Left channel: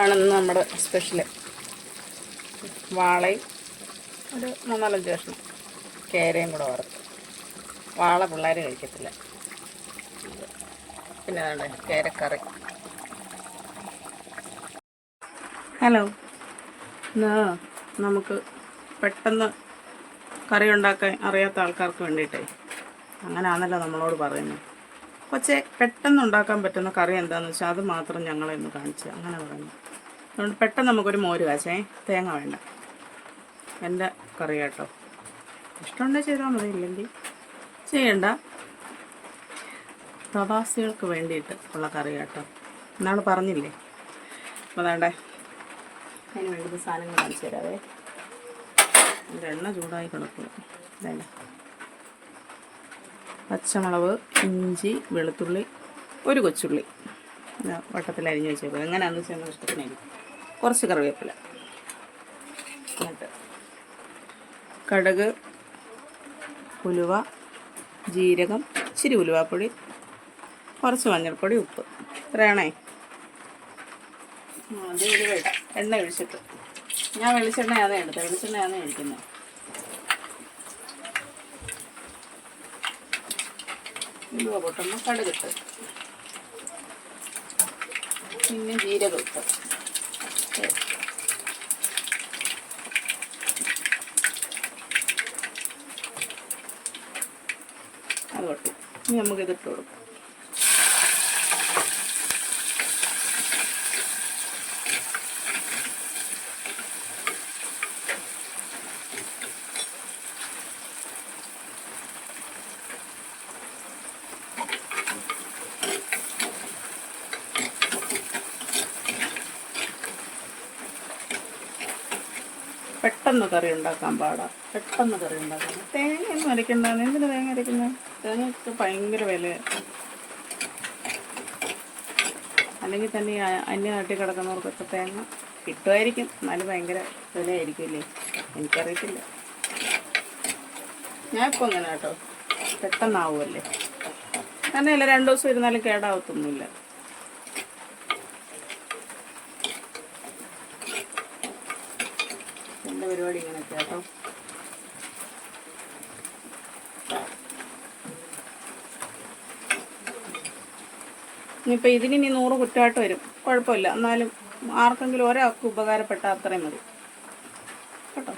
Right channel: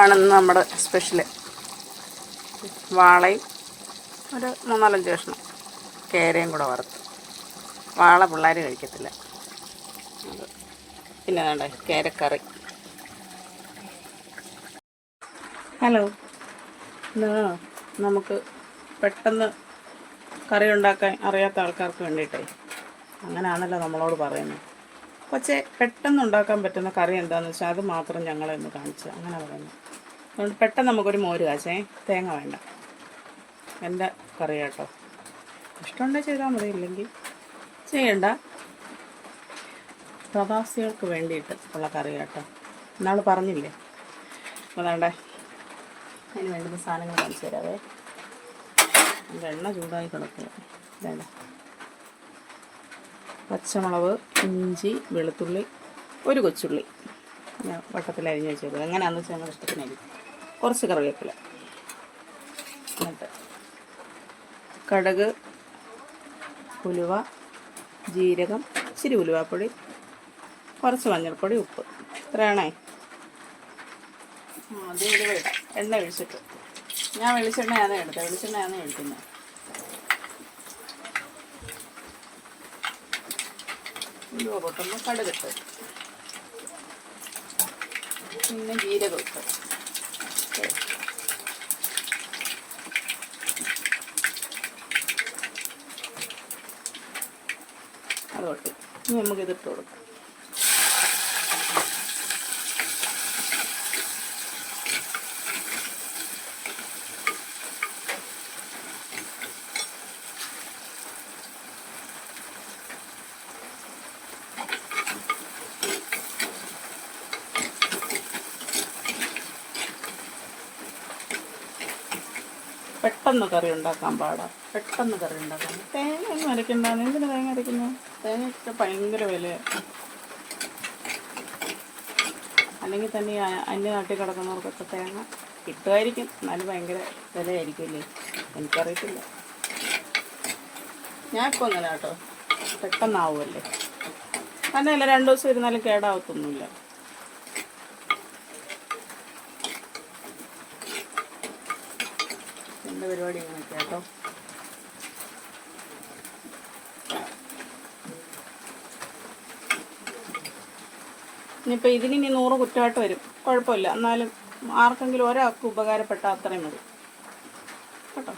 ആണെന്ന് നമ്മുടെ സ്പെഷ്യൽ വാളയും ഒരു മൂന്നാലഞ്ച് കഷ്ണം കേരയും കൂടെ വറുത്ത്. വാള പിള്ളേർ കഴിക്കത്തില്ല. പിന്നെ വേണ്ട കേരക്കറി. ഹലോ. നമുക്ക് പെട്ടെന്ന് കറി ഉണ്ടാക്കാൻ അറിയാത്ത ആൾക്കാർക്ക് വേണ്ടിയിട്ടേ. അങ്ങനെയാണല്ലോ നമ്മളോട് പറയുന്നത് പക്ഷേ പെട്ടെന്ന് ഉണ്ടാക്കാൻ പറ്റുന്ന കറി എന്താണെന്ന് വെച്ചാൽ അത് മാത്രം ഞങ്ങളെ ഒന്ന് കാണിച്ച് അങ്ങനെ പറയുന്നു. അതുകൊണ്ട് പെട്ടെന്ന് നമുക്കൊരു മോര് കാച്ചേ. തേങ്ങ വേണ്ട. എന്റെ കറി കേട്ടോ ഇഷ്ടമുണ്ടെങ്കിൽ ചെയ്താൽ മതി ഇല്ലെങ്കിൽ ചെയ്യണ്ട. പ്രവാസികൾക്ക് വേണ്ടിയിട്ട് ഉള്ള കറി കേട്ടോ ഇന്നാൾ പറഞ്ഞില്ലേ? അപ്പോൾ വേണ്ടേ അതിന് വേണ്ടുന്ന സാധനങ്ങൾ കാണിച്ചു തരാവേ. എന്റെ എണ്ണ ചൂടായി കിടക്കുക വേണ്ട. പച്ചമുളക് ഇഞ്ചി വെളുത്തുള്ളി ഒരു കൊച്ചുള്ളി. വട്ടത്തിൽ അരിഞ്ഞ് വെച്ചേക്കും എങ്ങനെയാണെന്ന് വെച്ചാൽ ഞങ്ങൾ ഇഷ്ടത്തിനായിരിക്കും. കുറച്ച് കറിവേപ്പില. എന്നിട്ട് കടുക് ഉലുവ ജീരകം ഇച്ചിരി ഉലുവാപ്പൊടി കുറച്ച് മഞ്ഞൾപ്പൊടി ഉപ്പ്. ഇത്രയാണേ. അത് ഉലുവ ഇടാം. എണ്ണ ഒഴിച്ചിട്ട്. ഞാൻ വെളിച്ചെണ്ണയാണ് എടുത്തത്. വെളിച്ചെണ്ണയാണ് ഒഴിക്കുന്നത്. ഉലുവ പൊട്ടുമ്പോൾ കടുകിട്ട് പിന്നെ ജീരകം ഇട്ട്. അത് പൊട്ടി ഇനി നമുക്കിത് ഇട്ട് കൊടുക്കാം. പെട്ടെന്ന് കറി ഉണ്ടാക്കാൻ പാടാ. പെട്ടെന്ന് കറി ഉണ്ടാക്കാൻ തേങ്ങ ഒന്നും അരയ്ക്കണ്ടാന്ന്. എന്തിനു തേങ്ങ അരയ്ക്കുന്നത് തേങ്ങയൊക്കെ ഭയങ്കര വിലയാണ് അല്ലെങ്കിൽ തന്നെ ഈ നാട്ടിൽ അന്യനാട്ടിൽ കിടക്കുന്നവർക്കൊക്കെ തേങ്ങ കിട്ടുമായിരിക്കും. എന്നാലും ഭയങ്കര വിലയായിരിക്കുമല്ലേ? എനിക്കറിയത്തില്ല. ഞാൻ ഇപ്പോൾ അങ്ങനെ കേട്ടോ. പെട്ടെന്നാവുമല്ലേ? കാരണം ഇല്ല രണ്ട് ദിവസം ഇരുന്നാലും കേടാവത്തൊന്നുമില്ല. പരിപാടി ഇങ്ങനെയൊക്കെ കേട്ടോ ഇനിയിപ്പോൾ ഇതിന് ഇനി നൂറ് കുറ്റമായിട്ട് വരും. കുഴപ്പമില്ല. എന്നാലും ആർക്കെങ്കിലും ഒരാൾക്ക് ഉപകാരപ്പെട്ട അത്രയും മതി കേട്ടോ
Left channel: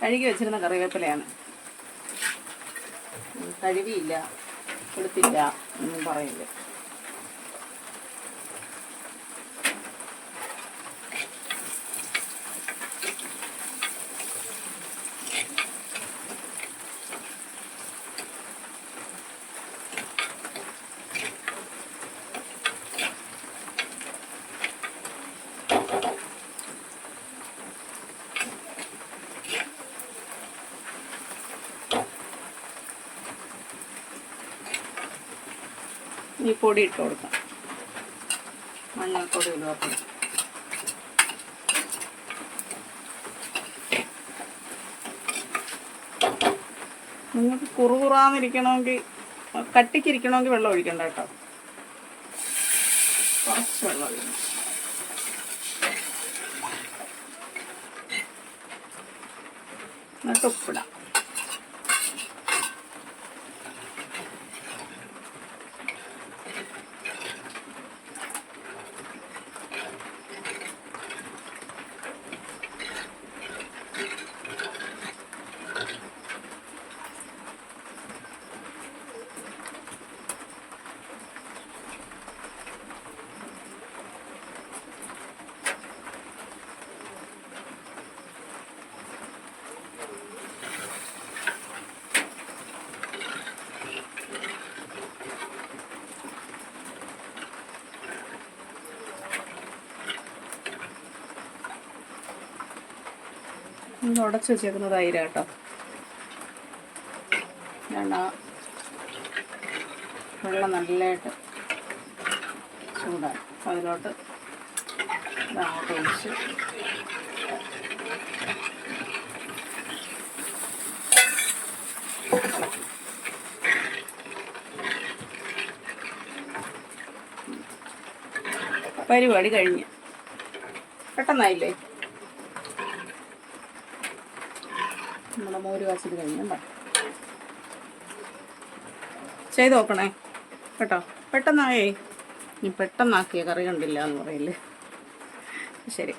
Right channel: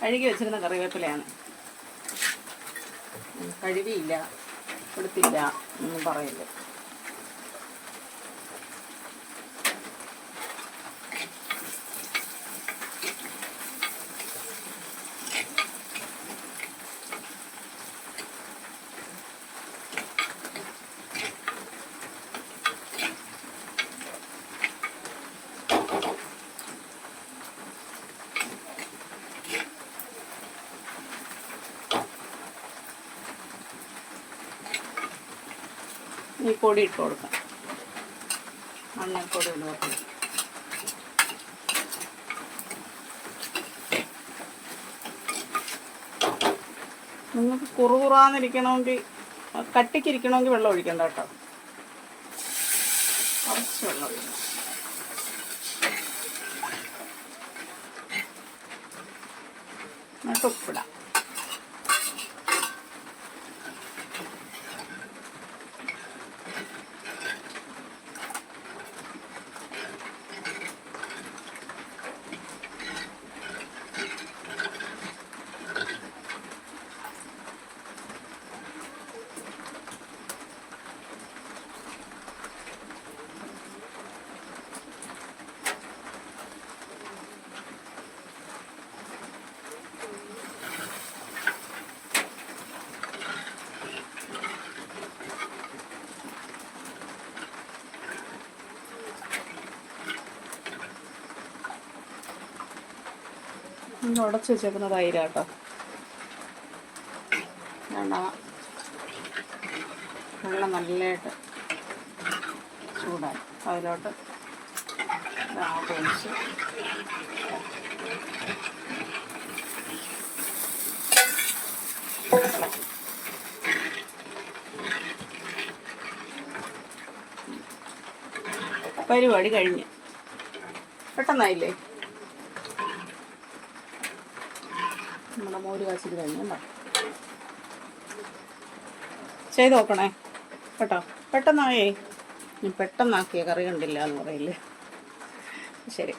കഴുകി വെച്ചിരുന്ന കറിവേപ്പിലയാണ്. കഴുകിയില്ല കൊടുത്തില്ല എന്നും പറയില്ല ഈ പൊടി ഇട്ട് കൊടുക്കാം. മഞ്ഞൾപ്പൊടി ഇടുക നിങ്ങൾക്ക് കുറുകുറാന്നിരിക്കണമെങ്കിൽ കട്ടിക്കിരിക്കണമെങ്കിൽ വെള്ളം ഒഴിക്കണ്ട കേട്ടോ. കുറച്ച് വെള്ളം ഒഴിക്കണം. എന്നിട്ട് ഉപ്പിടാം. ഇത് ഉടച്ച് വെച്ചേക്കുന്ന തൈര കേട്ടോ. വേണ്ട വെള്ളം നല്ലതായിട്ട് ചൂടായി. അതിലോട്ട് ഒഴിച്ച്. പരിപാടി കഴിഞ്ഞ്. പെട്ടെന്നായില്ലേ നമ്മുടെ മോര് കാച്ചിട്ട് കഴിഞ്ഞുണ്ടോ ചെയ്ത് നോക്കണേ. കേട്ടോ? പെട്ടെന്നായേ പെട്ടെന്നാക്കിയ കറി കണ്ടില്ല എന്ന് പറയില്ലേ ശരി.